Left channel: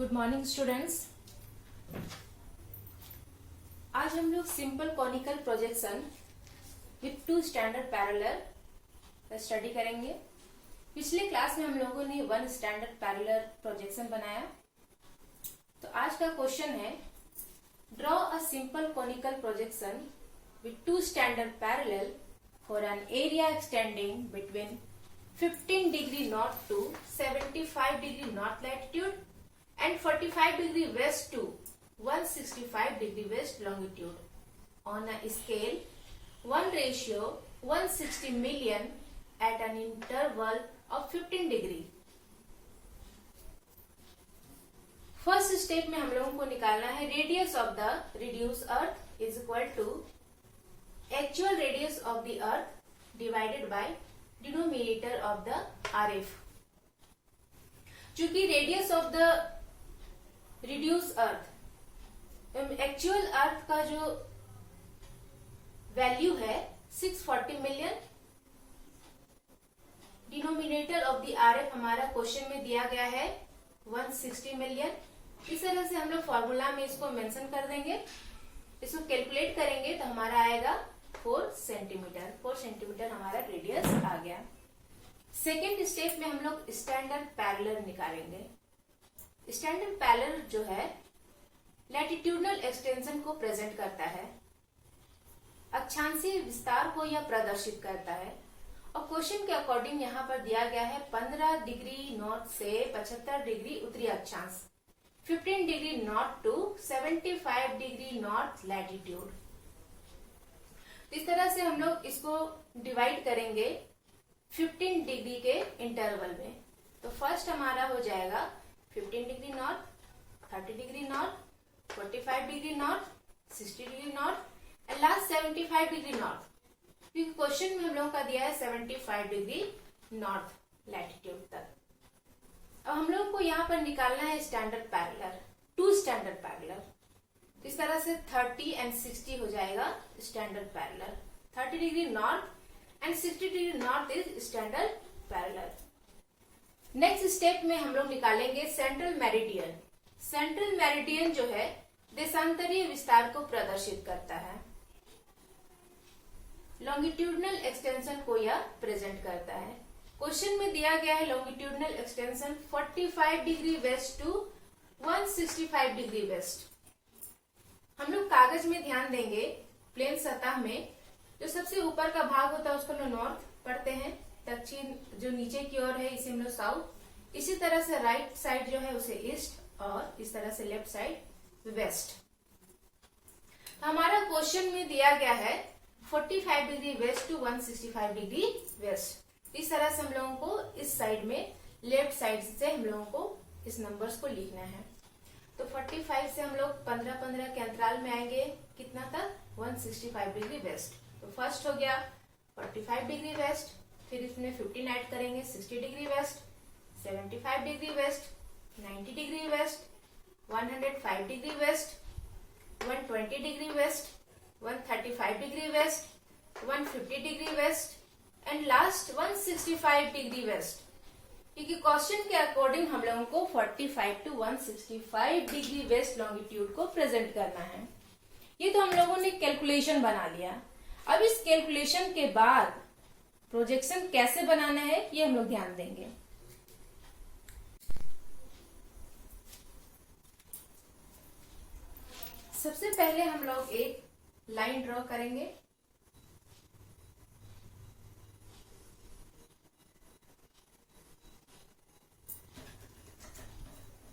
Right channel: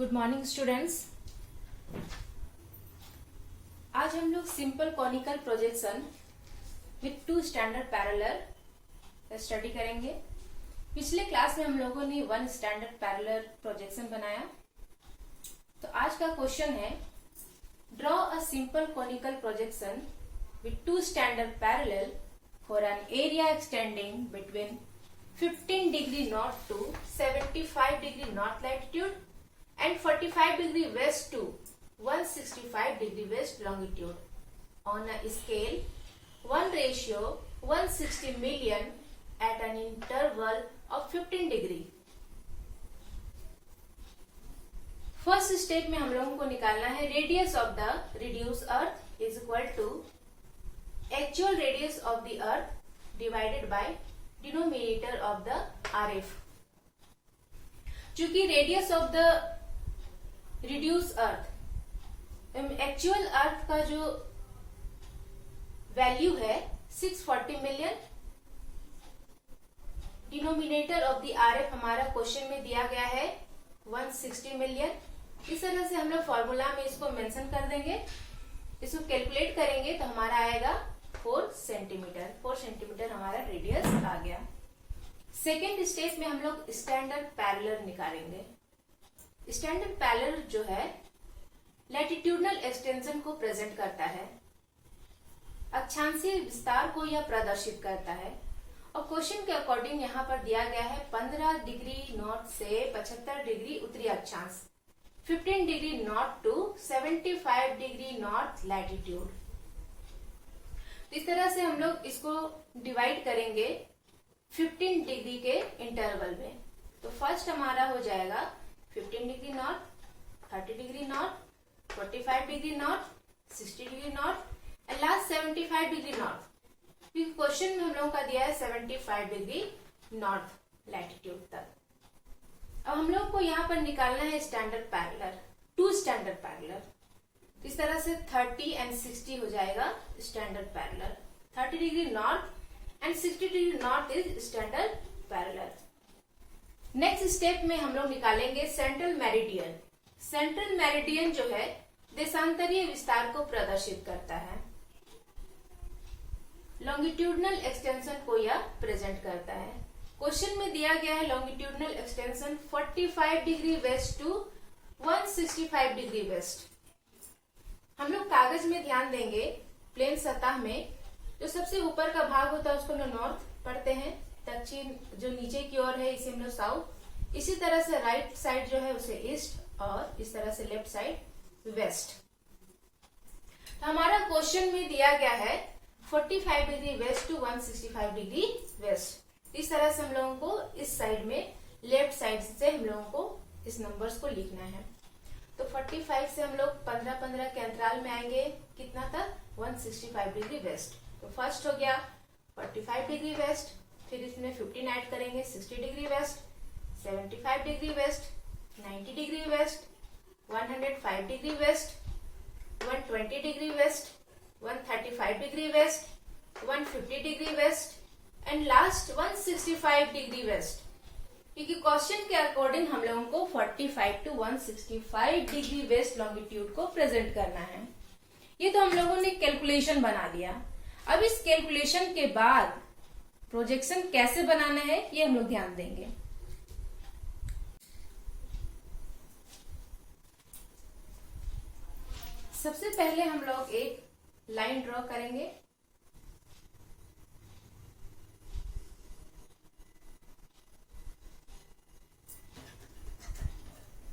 Good morning students. आज हम लोग simple conical projection with two standard parallel study करेंगे। पिछले क्लास में हम लोगों ने वन स्टैंडर्ड पैरेलल प्रोजेक्शन बनाया। तो आज का क्वेश्चन है, draw a simple conical projection with two standard parallel for an area extending between 15 degree north to 75 degree north latitude and 45 degree west to 165 degree west longitude on a scale 1:160 million at an interval of 15 degree। First step में हम लोगों को निकालना है radius of the reduce earth is equal to actual radius of the earth divided by denominator of the RF. चूंकि radius of the reduce earth actual earth का जो value है 640 million, denominator of the RF हमारा question में दिया गया है 160 million. इस तरह से हम लोग फॉर्मूला में इसको मेंशन कर देंगे। इसको कैलकुलेट करेंगे तो हमारा आएगा 4 सेंटीमीटर। 4 सेंटीमीटर हमारा रेडियस आ गया। सेकेंड स्टेप में हम लोग स्टैंडर्ड पैरेलल निकालेंगे। स्टैंडर्ड पैरेलल जो है लैटिट्यूडनल एक्सटेंशन को प्रेजेंट करता है, अक्षांशीय विस्तार को यह प्रदर्शित करता है। और क्वेश्चन के अकॉर्डिंग यहाँ पर दिया गया है 15 डिग्री नॉर्थ से 75 डिग्री उत्तरी अक्षांश, 15 degree north to 75 degree north latitude. इस तरह से हम लोग इसको डिवाइड करेंगे 15 डिग्री के इंटरवल में। तो फर्स्ट हमारा हो जाएगा 15 degree north, 30 degree north, 45 degree north, 60 degree north and last 75 degree north. Question में हम लोगों का दिया है 75 डिग्री नॉर्थ लैटिट्यूड तक। अब हम लोग को यहाँ पर निकालना है standard parallel, two standard parallel. इस तरह से 30 एंड 60 हो जाएगा standard parallel. 30 degree north and 60 degree north is standard parallel. Next step में हम लोग निकालेंगे सेंट्रल मेरिडियन। सेंट्रल मेरिडियन जो है देशांतरीय विस्तार को प्रदर्शित करता है, लॉन्गिट्यूडनल एक्सटेंशन को यह प्रेजेंट करता है। क्वेश्चन में दिया गया है longitudinal extension 45 degree west to 165 degree west. हम लोग कागज में ध्यान देंगे, प्लेन सतह में जो सबसे ऊपर का भाग होता है उसको हम लोग नॉर्थ पढ़ते हैं, दक्षिण जो नीचे की ओर है इसे हम लोग साउथ, इसी तरह से राइट साइड जो है उसे ईस्ट और इस तरह से लेफ्ट साइड वेस्ट। तो हमारा क्वेश्चन में दिया गया है 45 degree west to 165 degree west. इस तरह से हम लोगों को इस साइड में लेफ्ट साइड से हम लोगों को इस नंबर्स को लिखना है। तो 45 से हम लोग 15-15 के अंतराल में आएंगे कितना तक 165 डिग्री वेस्ट। तो फर्स्ट हो गया 45 डिग्री वेस्ट, फिर इसमें 15 ऐड करेंगे 60 degree west, 75 degree west, 90 degree west, 105 degree west, 120 degree west, 135 degree west, 150 degree west and last 165 degree waste. क्योंकि क्वेश्चन के अकॉर्डिंग हम लोगों को 45 टू 165 डिग्री वेस्ट लॉन्गिट्यूड को प्रेजेंट करना है। ये तो हम लोगों ने कैलकुलेशन बना दिया। अब इस कैलकुलेशन के बाद प्रोजेक्शन कैसे बनाना है ये हम लोग ध्यान देंगे। सबसे पहले हम लोग एक लाइन ड्रॉ करेंगे।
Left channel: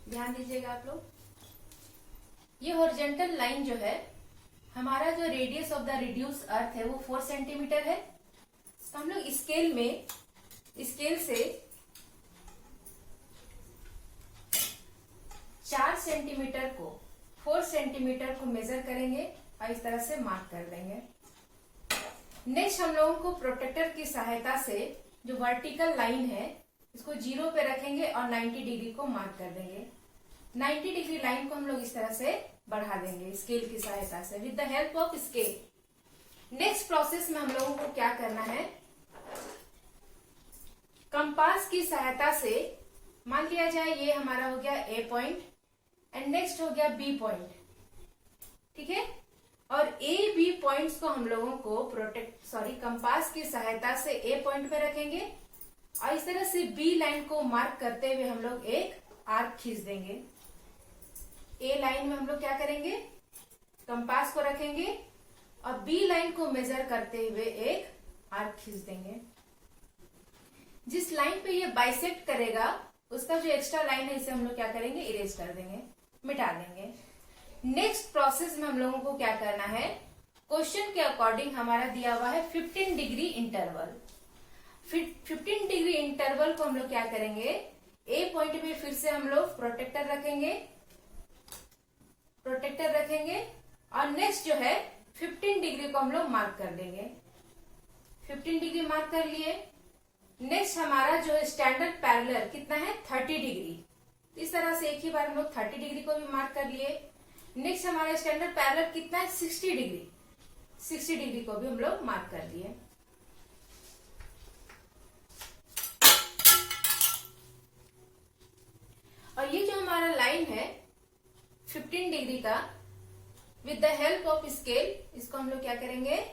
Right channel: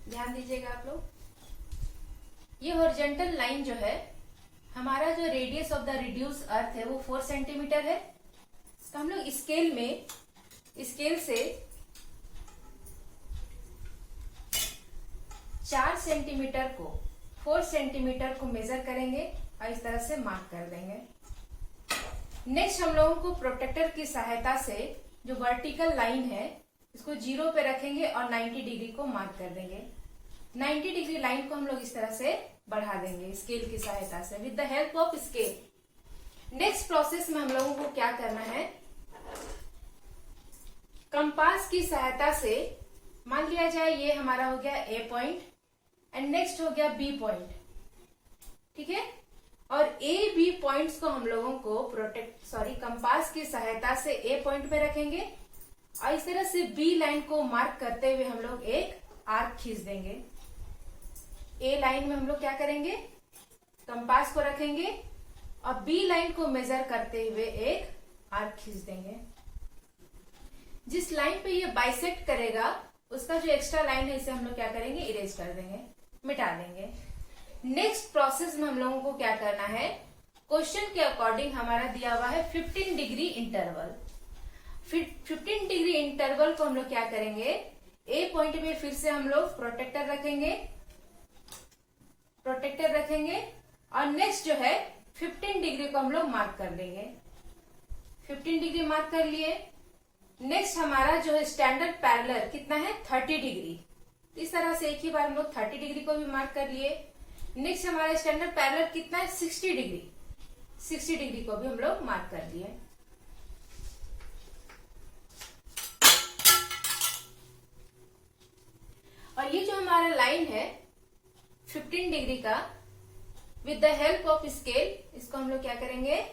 ध्यान दीजिएगा आप लोग, ये हॉरिजॉन्टल लाइन जो है हमारा जो रेडियस ऑफ द रिड्यूस अर्थ है वो 4 सेंटीमीटर है। तो हम लोग स्केल से 4 सेंटीमीटर को 4 सेंटीमीटर को मेजर करेंगे और इस तरह से मार्क कर देंगे। नेक्स्ट हम लोगों को प्रोटेक्टर की सहायता से जो वर्टिकल लाइन है इसको 0 पे रखेंगे और 90 डिग्री को मार्क कर देंगे। 90 डिग्री लाइन को हम लोग इस तरह से बढ़ा देंगे स्केल की सहायता से with the help of scale. Next process में हम लोगों को क्या करना है, कंपास की सहायता से मान लिया जाए ये हमारा हो गया ए पॉइंट, एंड नेक्स्ट हो गया बी पॉइंट, ठीक है। और ए बी पॉइंट्स को हम लोगों को कंपास की सहायता से ए पॉइंट पे रखेंगे और इस तरह से बी लाइन को मार्क करते हुए हम लोग एक आर्क खींच देंगे। ए लाइन में हम लोग क्या करेंगे, कंपास को रखेंगे और बी लाइन को मेजर करते हुए एक आर्क खींच देंगे। जिस लाइन पे ये बाइसेक्ट करेगा उसका जो एक्स्ट्रा लाइन है इसे हम लोग क्या करेंगे, इरेज कर देंगे, मिटा देंगे। नेक्स्ट प्रोसेस में हम लोगों को क्या करना है, क्वेश्चन के अकॉर्डिंग हमारा दिया हुआ है 15 डिग्री इंटरवल। 15 डिग्री इंटरवल को हम लोग क्या करेंगे, ए पॉइंट पे फिर से हम लोग प्रोटेक्टर रखेंगे और नेक्स्ट जो है 15 डिग्री को हम लोग मार्क कर देंगे। 15 डिग्री मार्क कर लिए। नेक्स्ट हमारा जो है स्टैंडर्ड पैरेलल कितना है, 30 डिग्री। इस तरह से एक ही बार हम लोग 30 डिग्री को भी मार्क कर लिए। नेक्स्ट हमारा स्टैंडर्ड पैरेलल कितना है, 60 डिग्री। 60 डिग्री को भी हम लोग मार्क कर लिए। और ये जो हमारा लाइन है 15 डिग्री का, with the help of scale इसको हम लोग क्या करेंगे,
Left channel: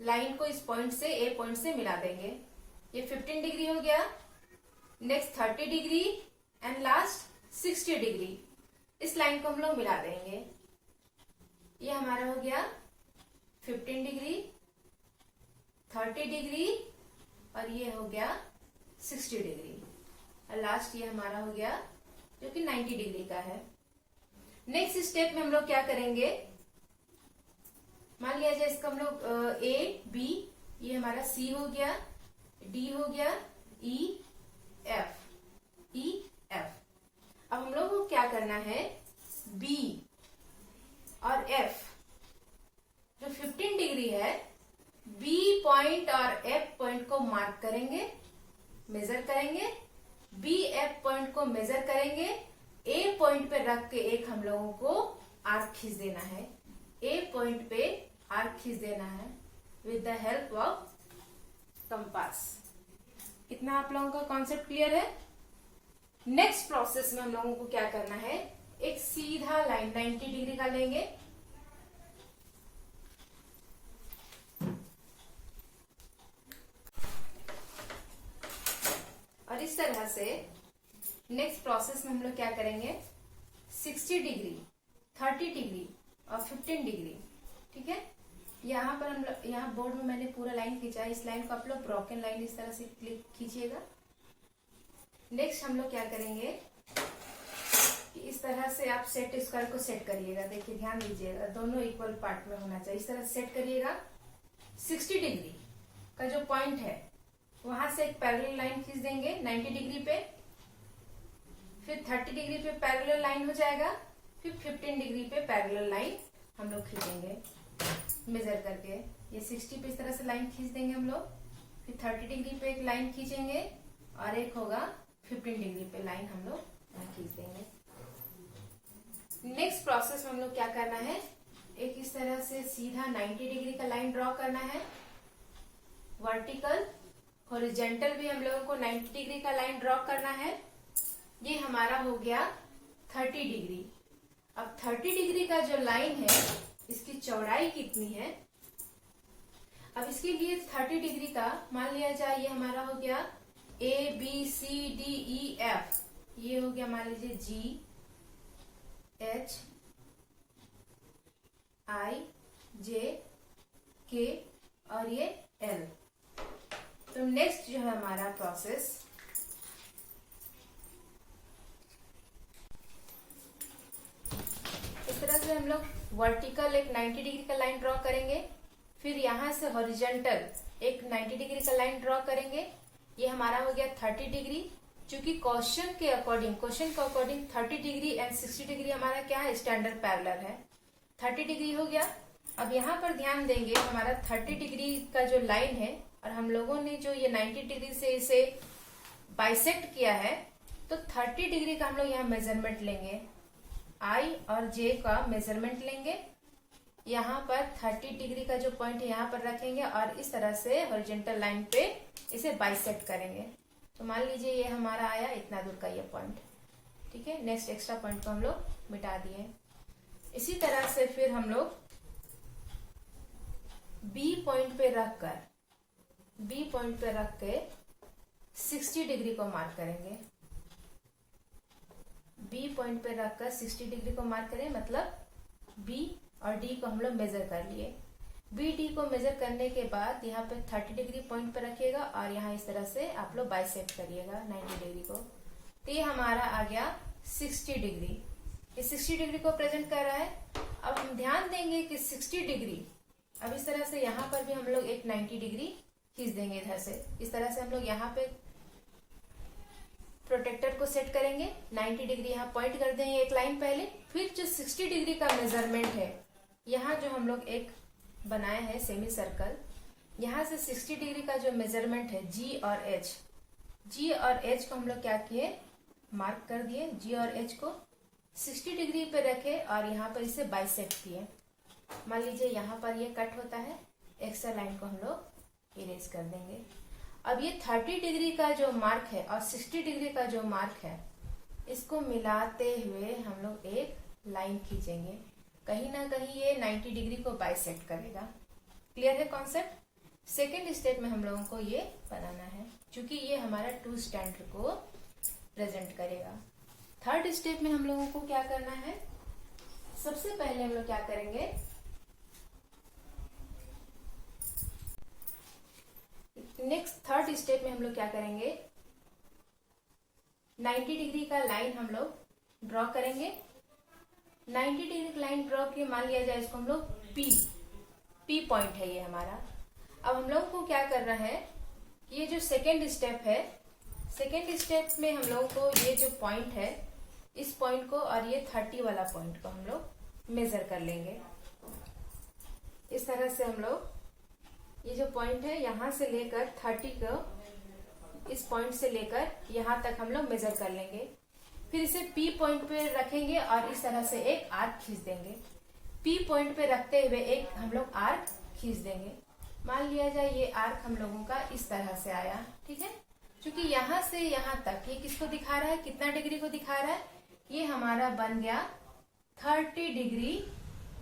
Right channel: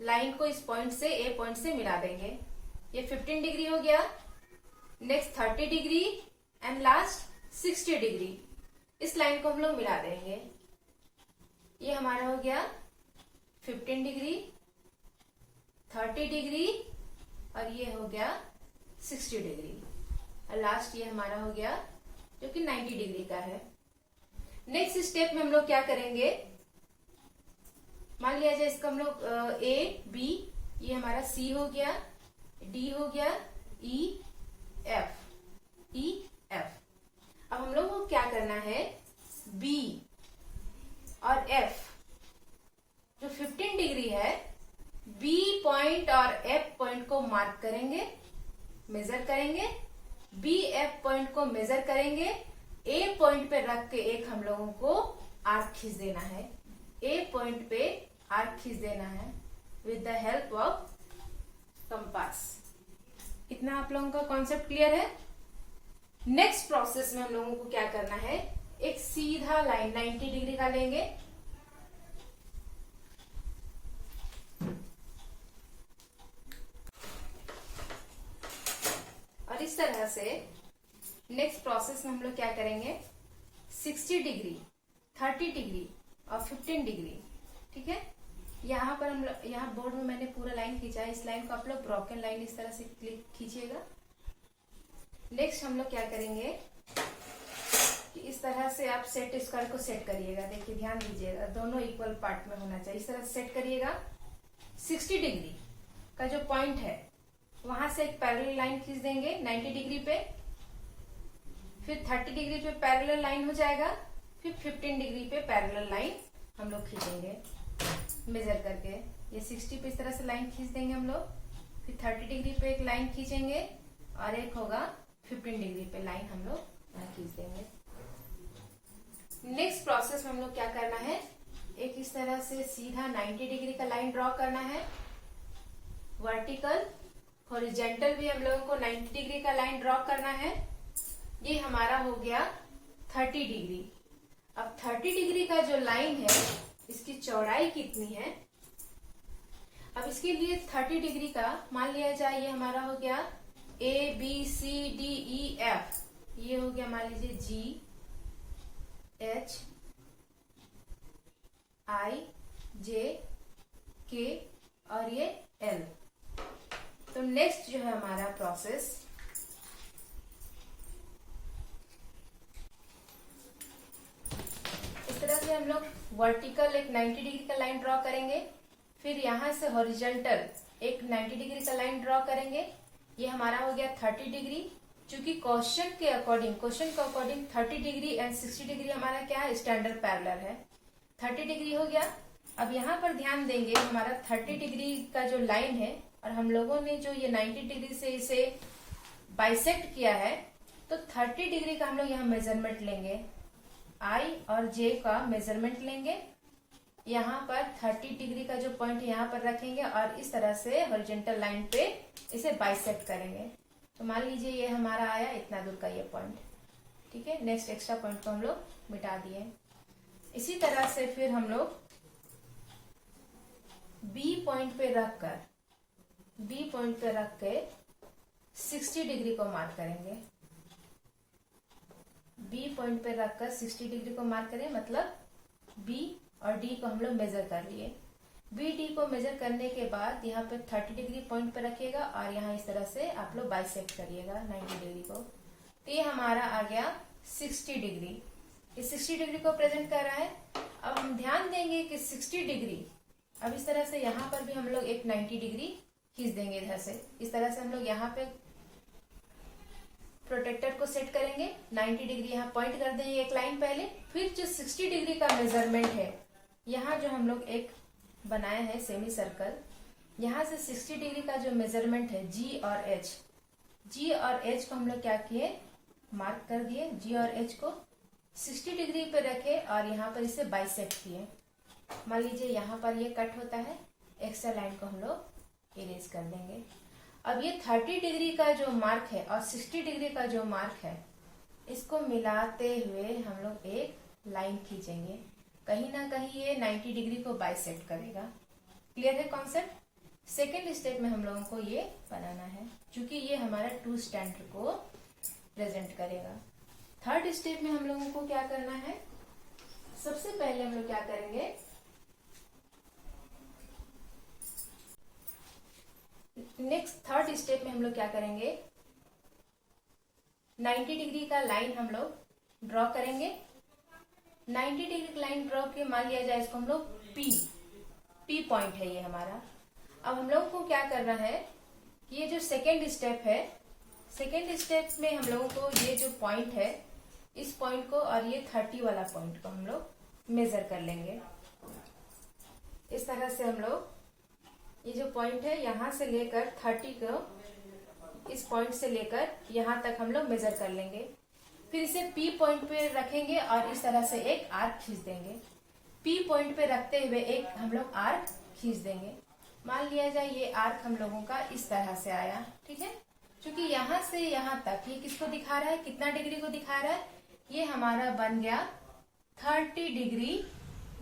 लाइन को इस पॉइंट से, ए पॉइंट से मिला देंगे। ये 15 डिग्री हो गया, next 30 degree and last 60 degree. इस लाइन को हम लोग मिला देंगे। ये हमारा हो गया 15 डिग्री, 30 डिग्री और ये हो गया 60 डिग्री और लास्ट ये हमारा हो गया जो कि 90 डिग्री का है। नेक्स्ट स्टेप में हम लोग क्या करेंगे, मान लिया जाए इसका हम लोग ए बी, ये हमारा सी हो गया, डी हो गया, ई एफ। अब हम लोग को क्या करना है, बी और एफ जो 15 डिग्री है, बी पॉइंट और एफ पॉइंट को मार्क करेंगे, मेजर करेंगे, बी एफ पॉइंट को मेजर करेंगे, ए पॉइंट पे रख के एक हम लोगों को आर्क खींच देना है। ए पॉइंट पे आर्क खींच देना है with the help of compass. इतना आप लोगों का कॉन्सेप्ट क्लियर है। नेक्स्ट प्रोसेस में हम लोगों को क्या करना है, एक सीधा लाइन 90 डिग्री का लेंगे और इस तरह से नेक्स्ट प्रोसेस में हम लोग क्या करेंगे, 60 डिग्री, 30 डिग्री और 15 डिग्री, ठीक है। यहाँ पर हम लोग, यहाँ बोर्ड में मैंने पूरा लाइन खींचा है, इस लाइन को आप लोग ब्रोकन लाइन इस तरह से खींचिएगा। नेक्स्ट हम लोग क्या करेंगे कि इस तरह से आप सेट स्क्वायर को सेट करिएगा। देखिए ध्यान दीजिएगा, दोनों इक्वल पार्ट में होना चाहिए, इस तरह से सेट करिएगा। 60 डिग्री का जो पॉइंट है वहां से एक पैरेलल लाइन खींच देंगे 90 डिग्री पे, फिर 30 डिग्री पे पैरेलल लाइन हो जाएगा, फिर 15 डिग्री पे पैरेलल लाइन हम लोग खींचेंगे मेजर करके। ये 60 पे इस तरह से लाइन खींच देंगे हम लोग, फिर 30 डिग्री पे एक लाइन खींचेंगे और एक होगा 15 डिग्री पे लाइन हम लोग खींच देंगे। नेक्स्ट प्रोसेस में हम लोग क्या करना है, एक इस तरह से सीधा 90 डिग्री का लाइन ड्रॉ करना है, वर्टिकल हॉरिजॉन्टल भी हम लोगों को 90 डिग्री का लाइन ड्रॉ करना है। ये हमारा हो गया 30 डिग्री। अब 30 डिग्री का जो लाइन है इसकी चौड़ाई कितनी है, अब इसके लिए 30 डिग्री का मान लिया जाए, ये हमारा हो गया A B C D E F, ये हो गया मान लीजिए जी एच आई जे के और ये एल। तो नेक्स्ट जो है हमारा प्रोसेस, इस तरह से हम लोग वर्टिकल एक 90 डिग्री का लाइन ड्रॉ करेंगे, फिर यहां से हॉरिजॉन्टल एक 90 डिग्री का लाइन ड्रॉ करेंगे। ये हमारा हो गया 30 डिग्री। चूंकि क्वेश्चन के अकॉर्डिंग 30 डिग्री एंड 60 डिग्री हमारा क्या है, स्टैंडर्ड पैरेलल है। 30 डिग्री हो गया। अब यहाँ पर ध्यान देंगे, हमारा 30 डिग्री का जो लाइन है और हम लोगों ने जो ये 90 डिग्री से इसे बाइसेक्ट किया है, तो 30 डिग्री का हम लोग यहाँ मेजरमेंट लेंगे, आई और जे का मेजरमेंट लेंगे। यहाँ पर 30 डिग्री का जो पॉइंट यहाँ पर रखेंगे और इस तरह से हॉरिजॉन्टल लाइन पे इसे बाइसेक्ट करेंगे। तो मान लीजिए ये हमारा आया इतना दूर का ये पॉइंट, ठीक है, नेक्स्ट एक्स्ट्रा पॉइंट को हम लोग मिटा दिए। इसी तरह से फिर हम लोग बी पॉइंट पे रख के 60 डिग्री को मार्क करेंगे। बी पॉइंट पे रखकर 60 डिग्री को मार्क करें, मतलब बी और डी को हम लोग मेजर कर लिए। बी डी को मेजर करने के बाद यहाँ पे 30 डिग्री पॉइंट पे रखिएगा और यहाँ इस तरह से आप लोग बाइसेक्ट करिएगा 90 डिग्री को। तो ये हमारा आ गया 60 डिग्री। ये 60 डिग्री को प्रेजेंट कर रहा है। अब हम ध्यान देंगे कि 60 डिग्री, अब इस तरह से यहाँ पर भी हम लोग एक 90 डिग्री खींच देंगे इधर से। इस तरह से हम लोग यहाँ पे प्रोटेक्टर को सेट करेंगे, 90 डिग्री यहाँ पॉइंट कर देंगे एक लाइन पहले। फिर जो 60 डिग्री का मेजरमेंट है, यहाँ जो हम लोग एक बनाए हैं सेमी सर्कल, यहाँ से 60 डिग्री का जो मेजरमेंट है जी और एच को हम लोग क्या किए, मार्क कर दिए। जी और एच को 60 डिग्री पे रखे और यहाँ पर इसे बाइसेक्ट किए। मान लीजिए यहाँ पर ये कट होता है, एक्स्ट्रा लाइन को हम लोग इरेज कर देंगे। अब ये 30 डिग्री का जो मार्क है और 60 डिग्री का जो मार्क है, इसको मिलाते हुए हम लोग एक लाइन खींचेंगे। कहीं ना कहीं ये 90 डिग्री को बाइसेक्ट करेगा। क्लियर है कॉन्सेप्ट। सेकेंड स्टेप में हम लोगों को ये बनाना है, क्योंकि ये हमारा 2 स्टैंडर्ड को प्रेजेंट करेगा। थर्ड स्टेप में हम लोगों को क्या करना है, सबसे पहले हम लोग क्या करेंगे, नेक्स्ट थर्ड स्टेप में हम लोग क्या करेंगे, 90 डिग्री का लाइन हम लोग ड्रॉ करेंगे। 90 डिग्री का लाइन ड्रॉ के मान लिया जाए इसको हम लोग पी पॉइंट है ये हमारा। अब हम लोग को क्या करना है, ये जो सेकेंड स्टेप है, सेकेंड स्टेप में हम लोगों को ये जो पॉइंट है, इस पॉइंट को और ये 30 वाला पॉइंट को हम लोग मेजर कर लेंगे। इस तरह से हम लोग ये जो पॉइंट है यहाँ से लेकर 30 को, इस पॉइंट से लेकर यहाँ तक हम लोग मेजर कर लेंगे। फिर इसे पी पॉइंट पे रखेंगे और इस तरह से एक आर्क खींच देंगे। पी पॉइंट पे रखते हुए एक हम लोग आर्क खींच देंगे। मान लिया जाए ये आर्क हम लोगों का इस तरह से आया, ठीक है। क्योंकि यहाँ से यहाँ तक ये किसको दिखा रहा है, कितना डिग्री को दिखा रहा है, ये हमारा बन गया 30 डिग्री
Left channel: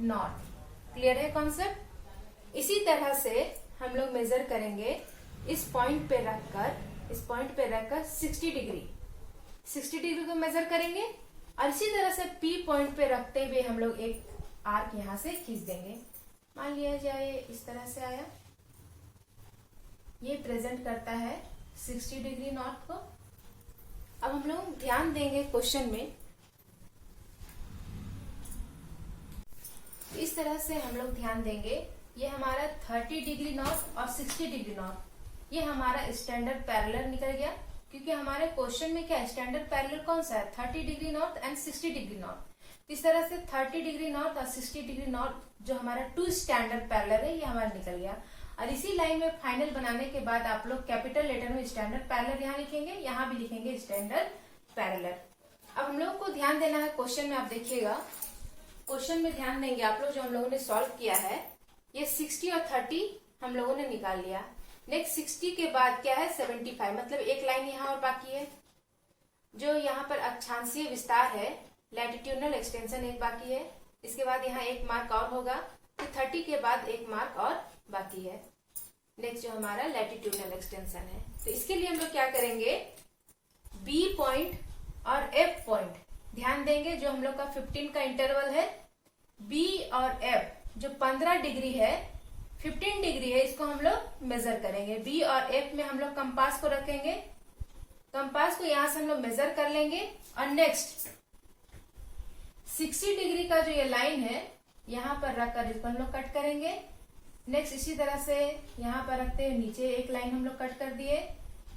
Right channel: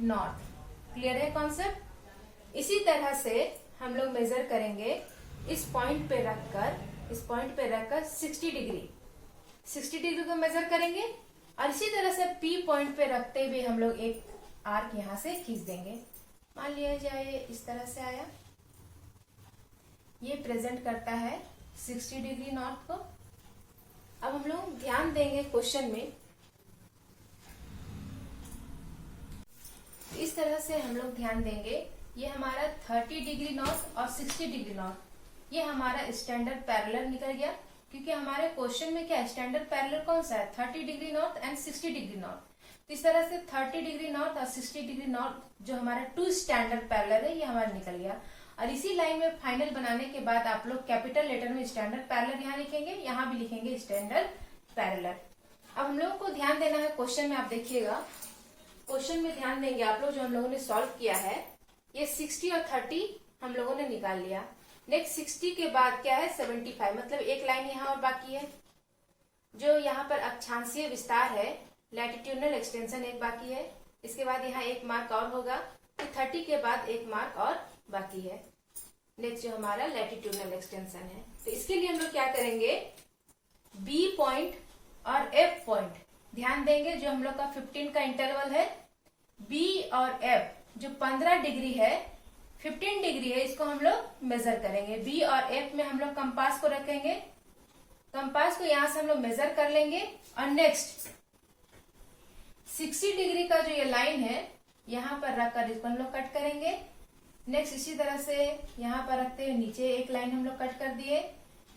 नॉर्थ। क्लियर है कॉन्सेप्ट। इसी तरह से हम लोग मेजर करेंगे इस पॉइंट पे रखकर 60 डिग्री को मेजर करेंगे और इसी तरह से पी पॉइंट पे रखते हुए हम लोग एक आर्क यहाँ से खींच देंगे। मान लिया जाए इस तरह से आया, ये प्रेजेंट करता है 60 डिग्री नॉर्थ को। अब हम लोग ध्यान देंगे क्वेश्चन में, इस तरह से हम लोग ध्यान देंगे, ये हमारा 30 डिग्री नॉर्थ और 60 डिग्री नॉर्थ, ये हमारा स्टैंडर्ड पैरेलल निकल गया। क्योंकि हमारे क्वेश्चन में क्या स्टैंडर्ड पैरेलल कौन सा है, 30 degree north and 60 degree north. इस तरह से 30 डिग्री नॉर्थ और 60 डिग्री नॉर्थ जो हमारा 2 स्टैंडर्ड पैरेलल है, ये हमारा निकल गया। और इसी लाइन में फाइनल बनाने के बाद आप लोग कैपिटल लेटर में स्टैंडर्ड पैरेलल यहाँ लिखेंगे, यहाँ भी लिखेंगे स्टैंडर्ड पैरेलल। अब हम लोग को ध्यान देना है क्वेश्चन में, आप देखिएगा क्वेश्चन में ध्यान देंगे आप लोग, जो हम लोगों ने सॉल्व किया है, ये 60 और 30 हम लोगों ने निकाल लिया। नेक्स्ट 60 के बाद क्या है 75, मतलब एक लाइन यहाँ और बाकी है। जो यहाँ पर अक्षांशीय विस्तार है, लैटिट्यूडनल एक्सटेंशन एक बाकी है। इसके बाद यहाँ एक मार्क और होगा, फिर 30 के बाद एक मार्क और बाकी है। नेक्स्ट जो हमारा लैटिट्यूडनल एक्सटेंशन है, तो इसके लिए हम लोग क्या करेंगे, बी पॉइंट और एफ पॉइंट ध्यान देंगे। जो हम लोग का 15 का इंटरवल है, बी और एफ जो 15 डिग्री है, 15 डिग्री है, इसको हम लोग मेजर करेंगे। बी और एफ में हम लोग कंपास को रखेंगे, कंपास को यहाँ से हम लोग मेजर कर लेंगे। और नेक्स्ट 60 डिग्री का जो ये लाइन है, यहाँ पर रखकर इसको हम लोग कट करेंगे। नेक्स्ट इसी तरह से यहाँ पर रखते हुए नीचे एक लाइन हम लोग कट कर दिए,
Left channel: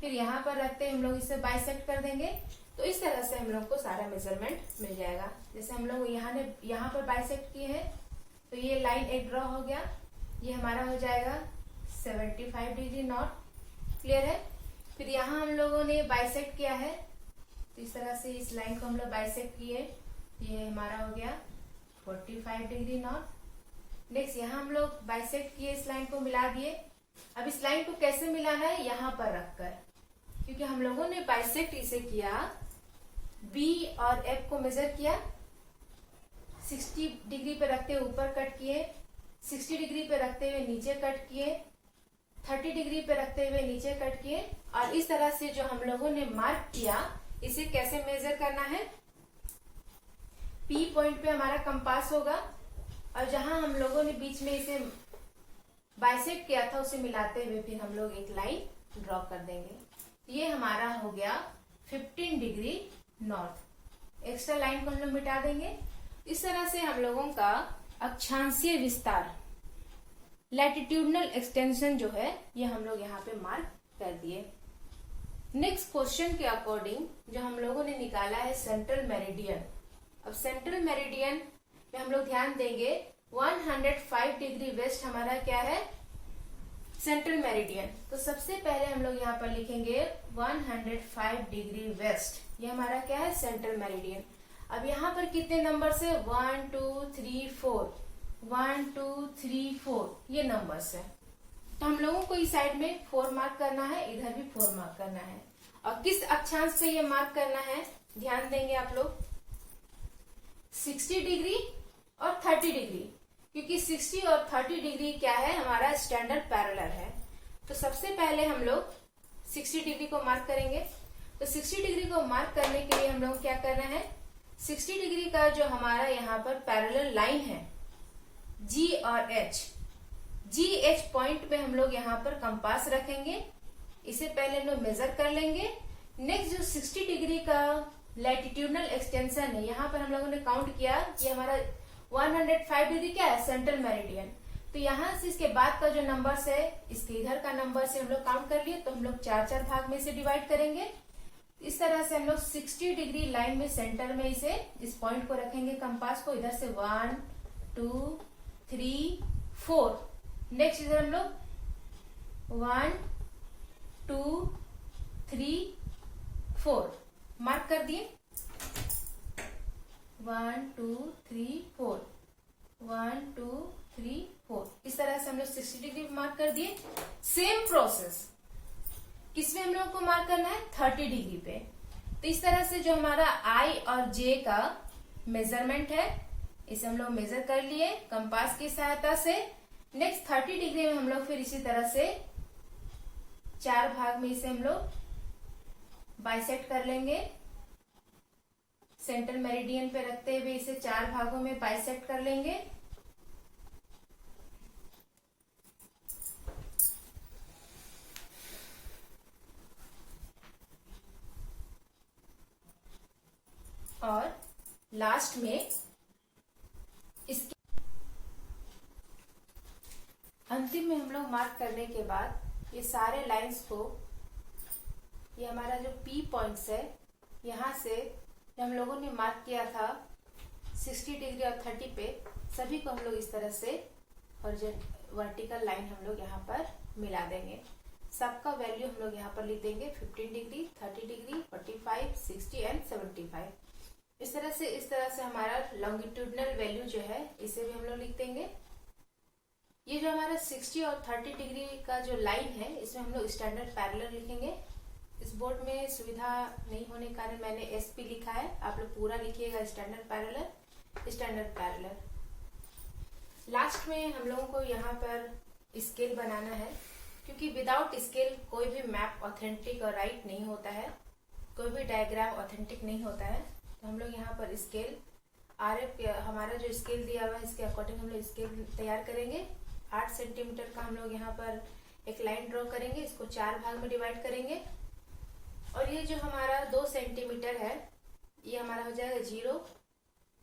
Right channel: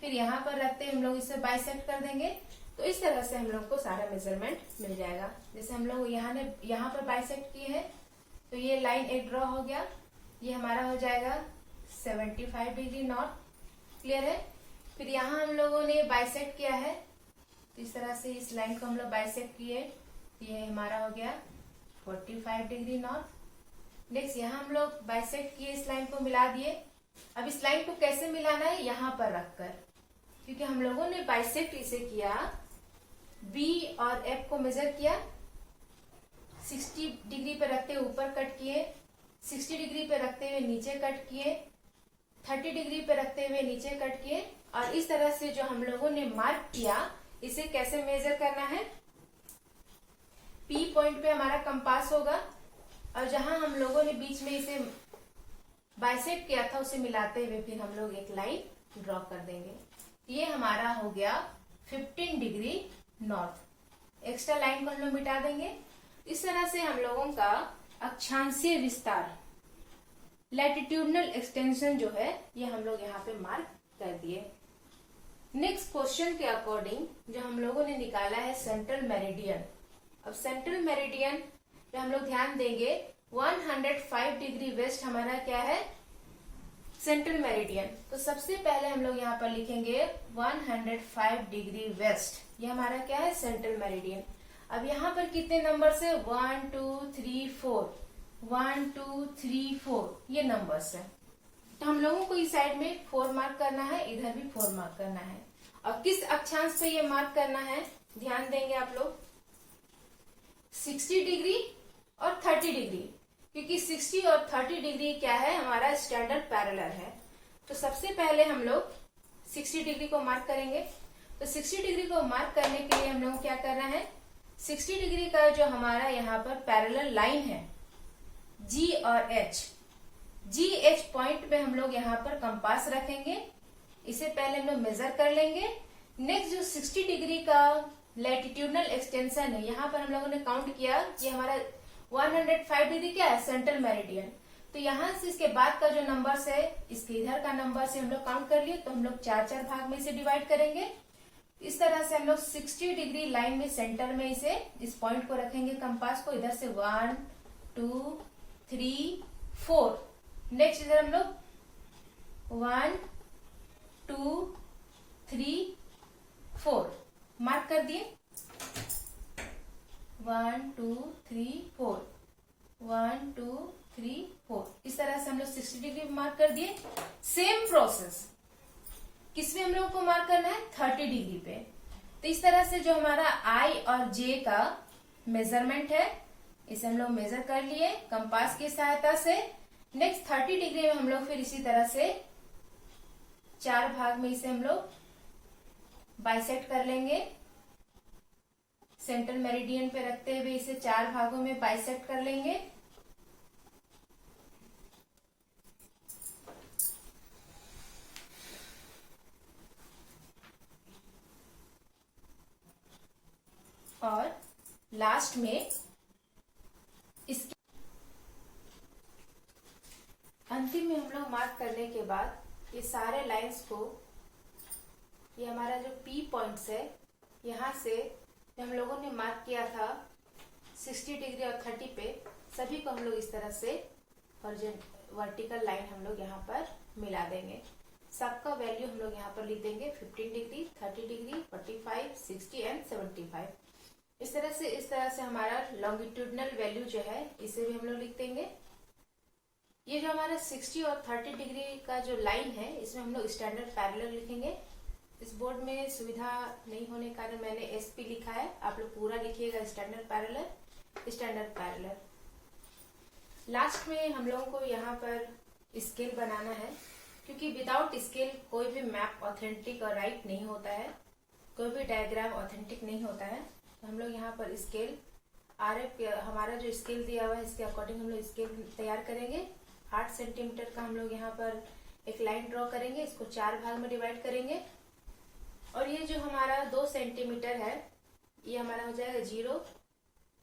फिर यहाँ पर रखते हुए हम लोग इसे बाइसेक्ट कर देंगे। तो इस तरह से हम लोग को सारा मेजरमेंट मिल जाएगा। जैसे हम लोग यहाँ पर बाइसेक्ट किए हैं, तो ये लाइन एक ड्रॉ हो गया, ये हमारा हो जाएगा 75 डिग्री नॉर्थ। क्लियर है। फिर यहाँ हम लोगों ने बाइसेक्ट किया है, तो इस तरह से इस लाइन को हम लोग बाइसेक्ट किए, ये हमारा हो गया 45 डिग्री नॉर्थ। नेक्स्ट यहाँ हम लोग बाइसेक्ट किए, इस लाइन को मिला दिए। अब इस लाइन को कैसे मिलाना है, यहाँ पर रखकर, क्योंकि हम लोगों ने बाइसेक्ट इसे किया बी और एफ को मेजर किया, 60 डिग्री पे रखते हुए ऊपर कट किए, 60 डिग्री पे रखते हुए नीचे कट किए, 30 डिग्री पे रखते हुए नीचे कट किए। और इस तरह से जो हम लोगों ने मार्क किया, इसे कैसे मेजर करना है, पी पॉइंट पे हमारा कंपास होगा और जहां हम लोगों ने बीच में इसे बाइसेक्ट किया था उसे मिलाते हुए फिर हम लोग एक लाइन ड्रॉ कर देंगे। ये हमारा हो गया 15 डिग्री नॉर्थ। एक्स्ट्रा लाइन को हम लोग मिटा देंगे। इस तरह से हम लोगों का अक्षांशीय विस्तार, लैटिट्यूडनल एक्सटेंशन जो है ये हम लोग यहाँ पे मार्क कर दिए। नेक्स्ट क्वेश्चन के अकॉर्डिंग जो हम लोगों ने निकाला है सेंट्रल मेरिडियन। अब सेंट्रल मेरिडियन पे हम लोग ध्यान देंगे 105 डिग्री वेस्ट हमारा क्या है, सेंट्रल मेरिडियन। तो सबसे पहले हम लोग यहाँ पर लिखेंगे 105 डिग्री वेस्ट, ये हमारा क्या है, सेंट्रल मेरिडियन। अब यहाँ पर कितने नंबर है, 1 2 3 4, 1 2 3 4 ये नंबर्स है। तो हम लोगों को इस साइड में 4 मार्क करना है, इधर भी 4 मार्क करना है। और किस अक्षांश पे ये मार्क करना है, ध्यान देंगे आप लोग, 60 डिग्री और 30 डिग्री, क्योंकि 60 और 30 डिग्री क्या है, हमारा स्टैंडर्ड पैरेलल है। तो सबसे पहले हम लोग 60 डिग्री को मार्क करेंगे। तो 60 डिग्री को मार्क करने के लिए हम लोग क्या करना है, 60 डिग्री का जो हमारा यहाँ पर पैरेलल लाइन है जी और एच, जी एच पॉइंट पे हम लोग यहाँ पर कंपास रखेंगे। इसे पहले हम लोग मेजर कर लेंगे। नेक्स्ट जो 60 डिग्री का लैटिट्यूडनल एक्सटेंशन है, यहाँ पर हम लोगों ने काउंट किया कि हमारा 105 डिग्री क्या है, सेंट्रल मेरिडियन। तो यहाँ से इसके बाद का जो नंबर्स है, इसके इधर का नंबर से हम लोग काउंट कर लिए, तो हम लोग 4-4 भाग में इसे डिवाइड करेंगे। इस तरह से हम लोग 60 डिग्री लाइन में सेंटर में इसे, इस पॉइंट को रखेंगे कंपास को, इधर से 1 2 3 4। नेक्स्ट इधर हम लोग 1 2 3 4 मार्क कर दिए, 1 2 3 4, 1 2 3 4। इस तरह से हम लोग 60 डिग्री मार्क कर दिए। सेम प्रोसेस किसमें हम लोग को मार्क करना है, 30 डिग्री पे। तो इस तरह से जो हमारा आई और जे का मेजरमेंट है, इसे हम लोग मेजर कर लिए कंपास की सहायता से। नेक्स्ट 30 डिग्री में हम लोग फिर इसी तरह से 4 भाग में इसे हम लोग बाइसेक्ट कर लेंगे। सेंट्रल मेरिडियन पे रखते हुए इसे 4 भागों में बाइसेक्ट कर लेंगे। और लास्ट में इसके अंतिम में हम लोग मार्क करने के बाद ये सारे लाइंस को, ये हमारा जो पी पॉइंट्स है, यहाँ से हम लोगों ने मार्क किया था 60 डिग्री और 30 पे, सभी को हम लोग इस तरह से वर्टिकल लाइन हम लोग यहाँ पर मिला देंगे। सबका वैल्यू हम लोग यहाँ पर लिख देंगे 15 डिग्री, 30 डिग्री, 45, 60 एंड 75। इस तरह से हमारा लॉन्गिट्यूडनल वैल्यू जो है इसे भी हम लोग लिख देंगे। ये जो हमारा 60 और 30 डिग्री का जो लाइन है, इसमें हम लोग स्टैंडर्ड पैरेलल लिखेंगे। इस बोर्ड में सुविधा नहीं होने के कारण मैंने एसपी लिखा है, आप लोग पूरा लिखिएगा standard parallel, standard parallel. Last में हम लोगों को यहाँ पर स्केल बनाना है, क्योंकि विदाउट स्केल कोई भी मैप ऑथेंटिक और राइट नहीं होता है, कोई भी डायग्राम ऑथेंटिक नहीं होता है। तो हम लोग यहाँ पर स्केल आरएफ हमारा जो स्केल दिया हुआ है इसके अकॉर्डिंग हम लोग स्केल तैयार करेंगे। 8 सेंटीमीटर का हम लोग यहाँ पर एक लाइन ड्रॉ करेंगे, इसको 4 भाग में डिवाइड करेंगे। और ये जो हमारा 2 सेंटीमीटर है, ये हमारा हो जाएगा 0,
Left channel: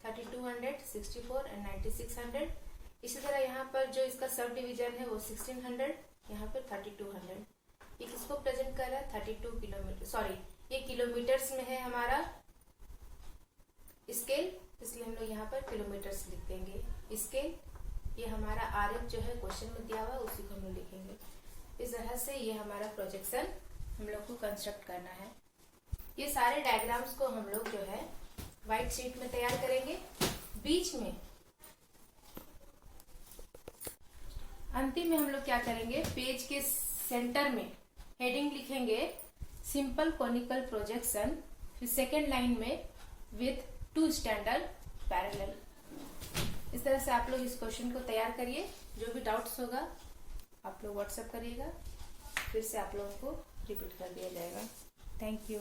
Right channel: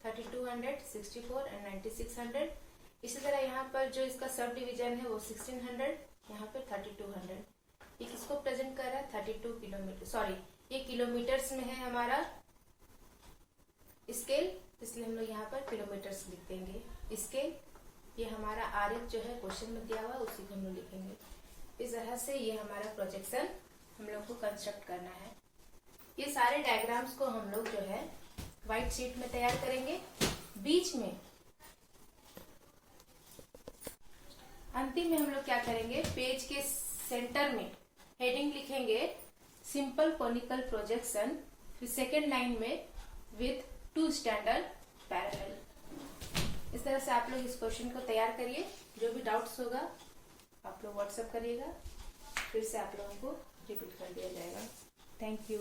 3200, 64 एंड 9600। इसी तरह यहाँ पर जो इसका सब डिवीजन है वो 1600, यहाँ पे 3200। ये किसको प्रेजेंट कर रहा है, 32 किलोमीटर, सॉरी ये किलोमीटर्स में है हमारा स्केल, इसलिए हम लोग यहाँ पर किलोमीटर्स लिख देंगे। स्केल ये हमारा आरएफ जो है क्वेश्चन में दिया हुआ, उसी को हम लोग लिखेंगे। इस तरह से ये हमारा प्रोजेक्शन हम लोग को कंस्ट्रक्ट करना है। ये सारे डायग्राम्स को हम लोग जो है व्हाइट शीट में तैयार करेंगे। बीच में अंतिम में हम लोग क्या करेंगे, पेज के सेंटर में हेडिंग लिखेंगे सिंपल कोनिकल प्रोजेक्शन। फिर सेकेंड लाइन में with 2 standard parallel। इस तरह से आप लोग इस क्वेश्चन को तैयार करिए। जो भी डाउट्स होगा आप लोग व्हाट्सएप करिएगा, फिर से आप लोगों को रिपीट कर दिया जाएगा। Thank you.